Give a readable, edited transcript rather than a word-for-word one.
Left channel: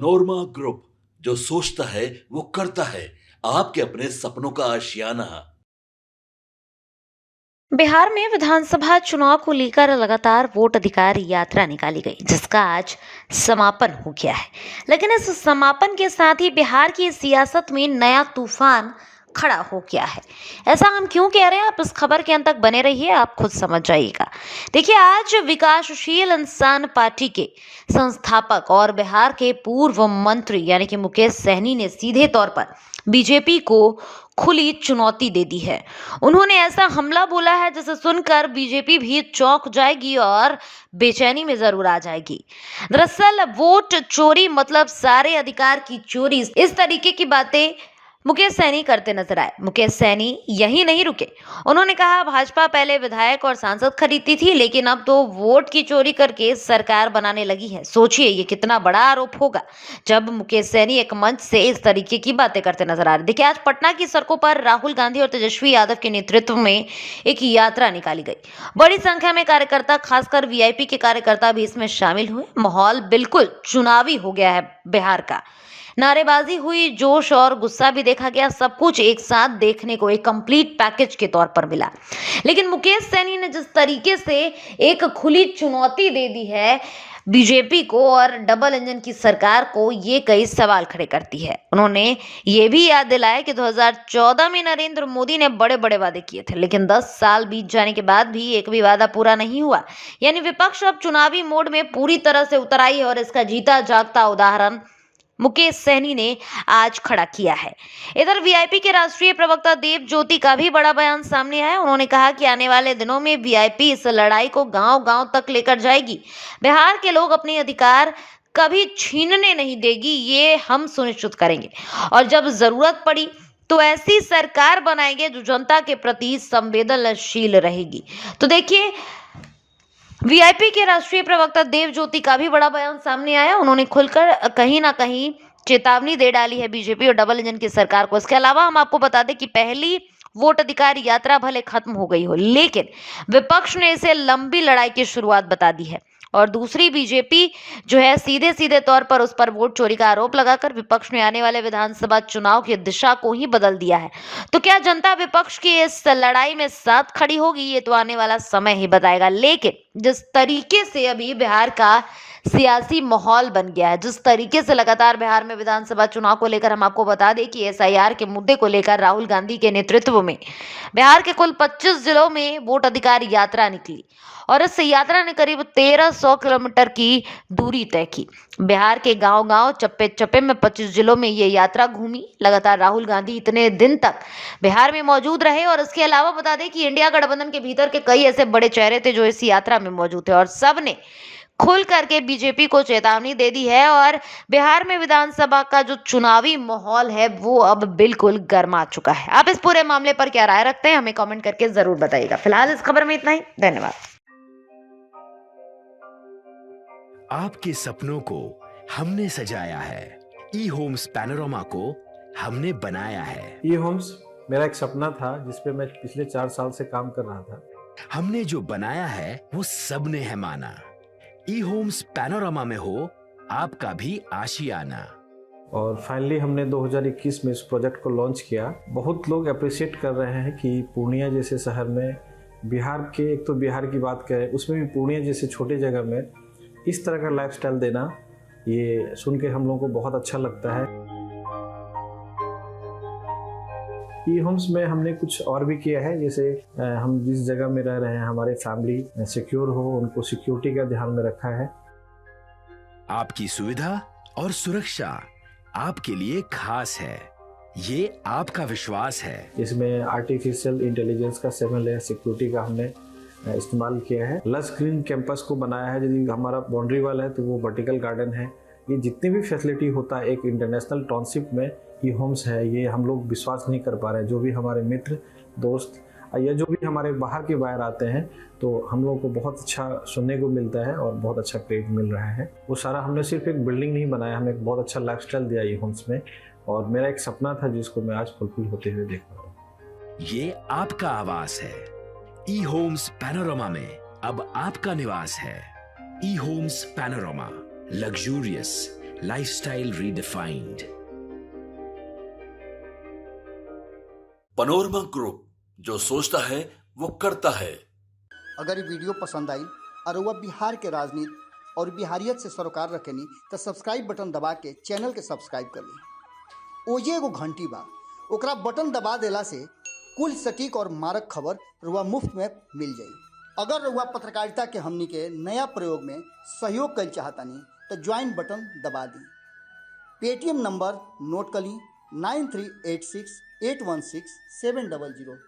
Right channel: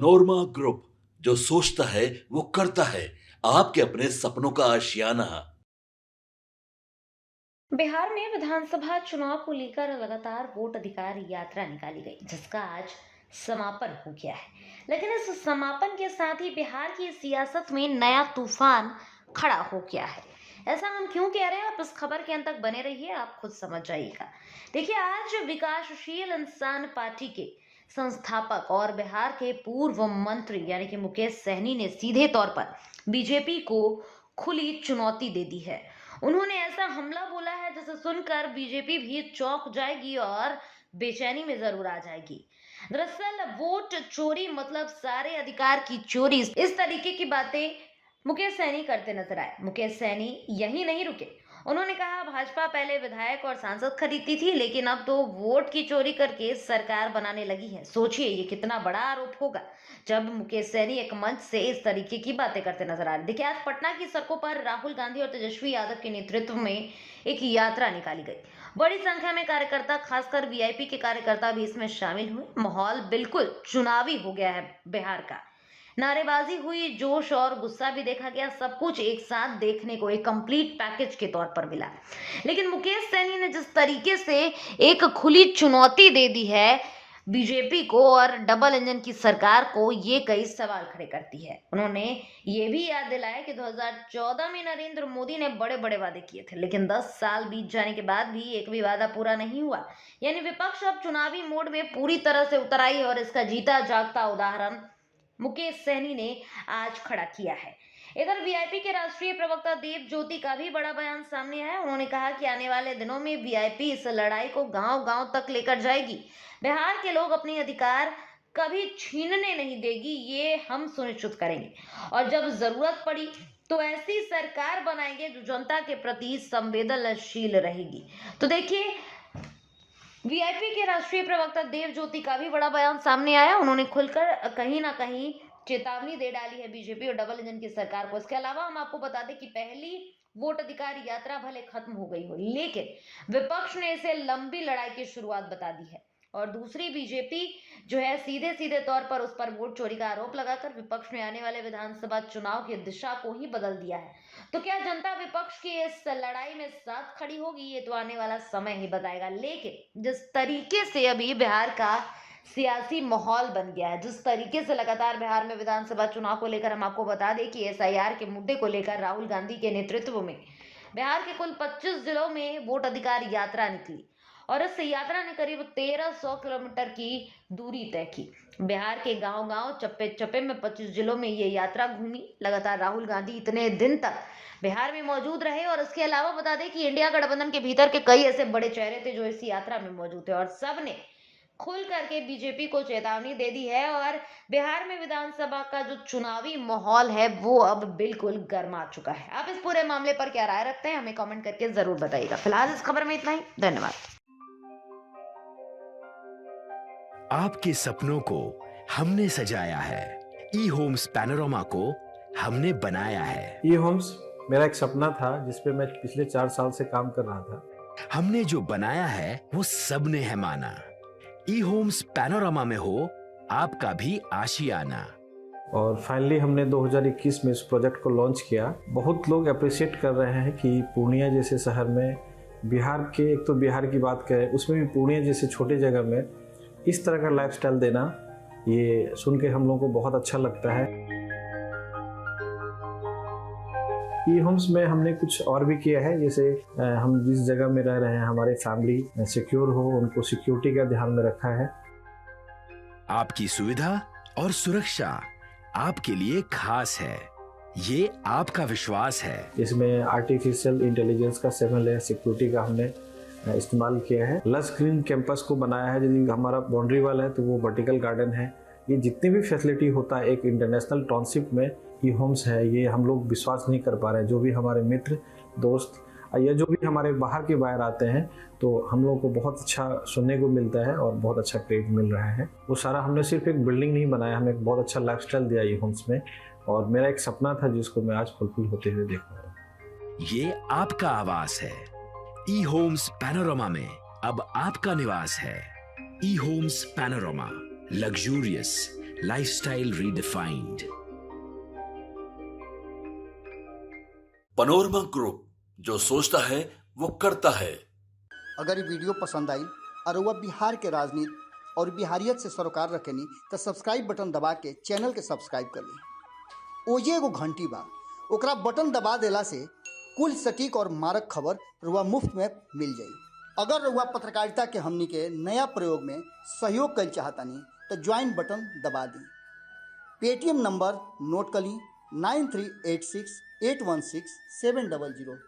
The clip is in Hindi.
नोरमा ग्रुप, जो सोचता है वो करता है। आपके अपने सपनों का आशियाना। बिहार में विधानसभा चुनाव को लेकर लगातार वोट अधिकार यात्रा निकाली गई, जिसका आज समापन हो गया है। लेकिन इस समापन के साथ ही बिहार की सियासत में नया तूफान खड़ा हो गया है। ऐसा हम क्यों कह रहे हैं, आप इस खबर के अंत तक बने रहिए, आप खुद समझ जाइएगा। देखिए, आज विकासशील इंसान पार्टी के संस्थापक और बिहार के पूर्व मंत्री यानी कि मुकेश सहनी ने सीधे तौर पर बीजेपी को खुली चुनौती दे दी है। उन्होंने ऐसा हमला बोला है जिसे सुनकर बीजेपी भी चौंक जाएगी और बेचैनी में जरूर आ जाएगी। दरअसल वोट चोरी मतलब सारे अधिकार की चोरी, इस तरीके की बातें मुकेश सैनी करते नजर आए। मुकेश सैनी यही नहीं रुके। उन्होंने कहा, भाजपा पहले विधायक और सांसद खरीदती थी, लेकिन अब तो वोट की चोरी करके सरकार बनाने लगी है। सोचिए ये कितना बड़ा आरोप होगा जब मुकेश सैनी एक मंच से इस तरीके की बातें करते नजर आ रहे। देखिए, आज पटना की सड़कों पर राहुल गांधी और तेजस्वी यादव के नेतृत्व में एक यात्रा निकाली गई। बड़ी संख्या में कार्यकर्ता, खासकर वीआईपी के कार्यकर्ता भी इसमें शामिल हुए। माहौल बिल्कुल चुनावी हो गया है बिहार का। नारेबाजी हुई, जोश और गुस्सा भी देखा गया। सब कुछ एक साथ देखने को एक कंप्लीट पैकेज के तौर पर मिला। लेकिन मुकेश सैनी ने जिस तरीके से एक खुली चुनौती दे दी है बीजेपी को और डबल इंजन की सरकार को, ये कई सवाल खड़े करती है। उन्होंने ये भी याद दिलाया कि 2014 में नरेंद्र मोदी ने बड़े बड़े वादे किए थे, लेकिन 10 साल बीत जाने के बाद भी एक भी वादा पूरा नहीं हुआ। यानी विपक्ष अब चुनावी मोड में पूरी तरह से उतर आई है और इसका जीता जागता उदाहरण मुकेश सहनी ने आज खड़ा किया है। इधर वीआईपी के राष्ट्रीय प्रवक्ता देव ज्योति का भी बड़ा बयान सामने आया है। उन्होंने कहा कि आने वाले दिनों में वीआईपी इस लड़ाई को गांव-गांव तक लेकर जाएगी। बिहार के लोग अपने अधिकार कभी छीनने नहीं देगी, ये हम सुनिश्चित करेंगे। और जब जरूरत पड़ी तो ऐसी सरकार बनाएंगे जो जनता के प्रति संवेदनशील रहेगी। तो देखिए, वीआईपी के राष्ट्रीय प्रवक्ता देव ज्योति का भी बड़ा बयान सामने आया। उन्होंने खुलकर कहीं ना कहीं चेतावनी दे डाली है बीजेपी और डबल इंजन की सरकार को। इसके अलावा हम आपको बता दें कि पहली वोट अधिकार यात्रा भले खत्म हो गई हो, लेकिन विपक्ष ने इसे लंबी लड़ाई की शुरुआत बता दी है। और दूसरी बीजेपी जो है, सीधे सीधे तौर पर उस पर वोट चोरी का आरोप लगाकर विपक्ष ने आने वाले विधानसभा चुनाव की दिशा को ही बदल दिया है। तो क्या जनता विपक्ष की इस लड़ाई में साथ खड़ी होगी, ये तो आने वाला समय ही बताएगा। लेकिन जिस तरीके से अभी बिहार का सियासी माहौल बन गया है, जिस तरीके से लगातार बिहार में विधानसभा चुनाव को लेकर हम आपको बता दें कि एसआईआर के मुद्दे को लेकर राहुल गांधी के नेतृत्व में बिहार के कुल 25 जिलों में वोट अधिकार यात्रा निकली और इस यात्रा ने करीब 1300 किलोमीटर की दूरी तय की। बिहार के गांव-गांव, चप्पे-चप्पे में 25 जिलों में ये यात्रा घूमी। लगातार राहुल गांधी इतने दिन तक बिहार में मौजूद रहे और इसके अलावा बता दें कि इंडिया गठबंधन के भीतर के कई ऐसे बड़े चेहरे थे जो इस यात्रा में मौजूद थे और सब ने खुल करके बीजेपी को चेतावनी दे दी है। और बिहार में विधानसभा का जो चुनावी माहौल है वो अब बिल्कुल गर्मा चुका है। आप इस पूरे मामले पर क्या राय रखते हैं, हमें कमेंट करके जरूर बताइएगा। फिलहाल इस खबर में इतना ही। धन्यवाद। आपके सपनों को हमने सजाया है। ई होम्स पैनोरामा को हमने बनाया है। ई होम्स मेरा एक सपना था जिस पे मैं पिछले 4 साल से काम कर रहा था। हमने जो बनाया है वो सबने है माना। ई होम्स पैनोरामा में हो आपका भी आशियाना। और फाइनली हमने 2021 में इस प्रोजेक्ट को लॉन्च किया। बहुत लोग अप्रिशिएट कर रहे हैं कि पूर्णिया जैसे शहर में, बिहार के, एक तो बिहार की बात करें उसमें भी पूर्णिया जैसे छोटे जगह में इस तरह का लाइफस्टाइल देना, ये सुन के हम लोगों को बहुत अच्छा लगता है। ई होम्स में हमने कुछ और भी किया है, जैसे हम जिस जगह में रह रहे हैं हमारे फैमिली सिक्योर हो, उनको सिक्योरिटी का ध्यान में रखा है। आपकी सुविधा और सुरक्षा आपके लिए खास है, ये आपका विश्वास है। इसमें आर्टिफिशियल इंटेलिजेंस का 7 लेयर सिक्योरिटी का हमने इस्तेमाल किया है। लस ग्रीन कैंपस को बनाया है। यदि हमारा बाउंड्री वाल है तो वो वर्टिकल गार्डन है। ये जितनी भी फैसिलिटी होता है एक इंटरनेशनल टाउनशिप में, ई होम्स है, ये हम लोग विश्वास नहीं कर पा रहे हैं। जो भी हमारे मित्र, दोस्त या जो भी हमारे बाहर के बाहर आते हैं तो हम लोगों को बहुत अच्छा सुनने को मिलता है और बहुत अच्छा क्रेडिट मिल रहा है। वो सारा हमने सिर्फ एक बिल्डिंग नहीं बनाया, हमें एक बहुत अच्छा लाइफस्टाइल दिया ई होम्स में। और मेरा एक सपना था जिसको मैं आज फुलफिल होते हुए देख रहा हूँ। ये आपका आवास है। ई होम्स पैनोरामा में अब आपका निवास है। E Homes Panorama, luxurious, lifestyle redefined. Panorama Group, जो सोचता है वो करता है। अगर ये वीडियो पसंद आई और वह बिहार के राजनीति और बिहारियत से सरोकार रखेनी तो सब्सक्राइब बटन दबा के चैनल के सब्सक्राइब कर ली। ओजे एगो घंटी बा, ओकरा बटन दबा देला से कुल सटीक और मारक खबर रुआ मुफ्त में मिल जाई। अगर रुआ पत्रकारिता के हमनी के नया प्रयोग में सहयोग कर चाहतानी तो ज्वाइन बटन दबा दी। पेटीएम नंबर नोट कर ली 9386816700।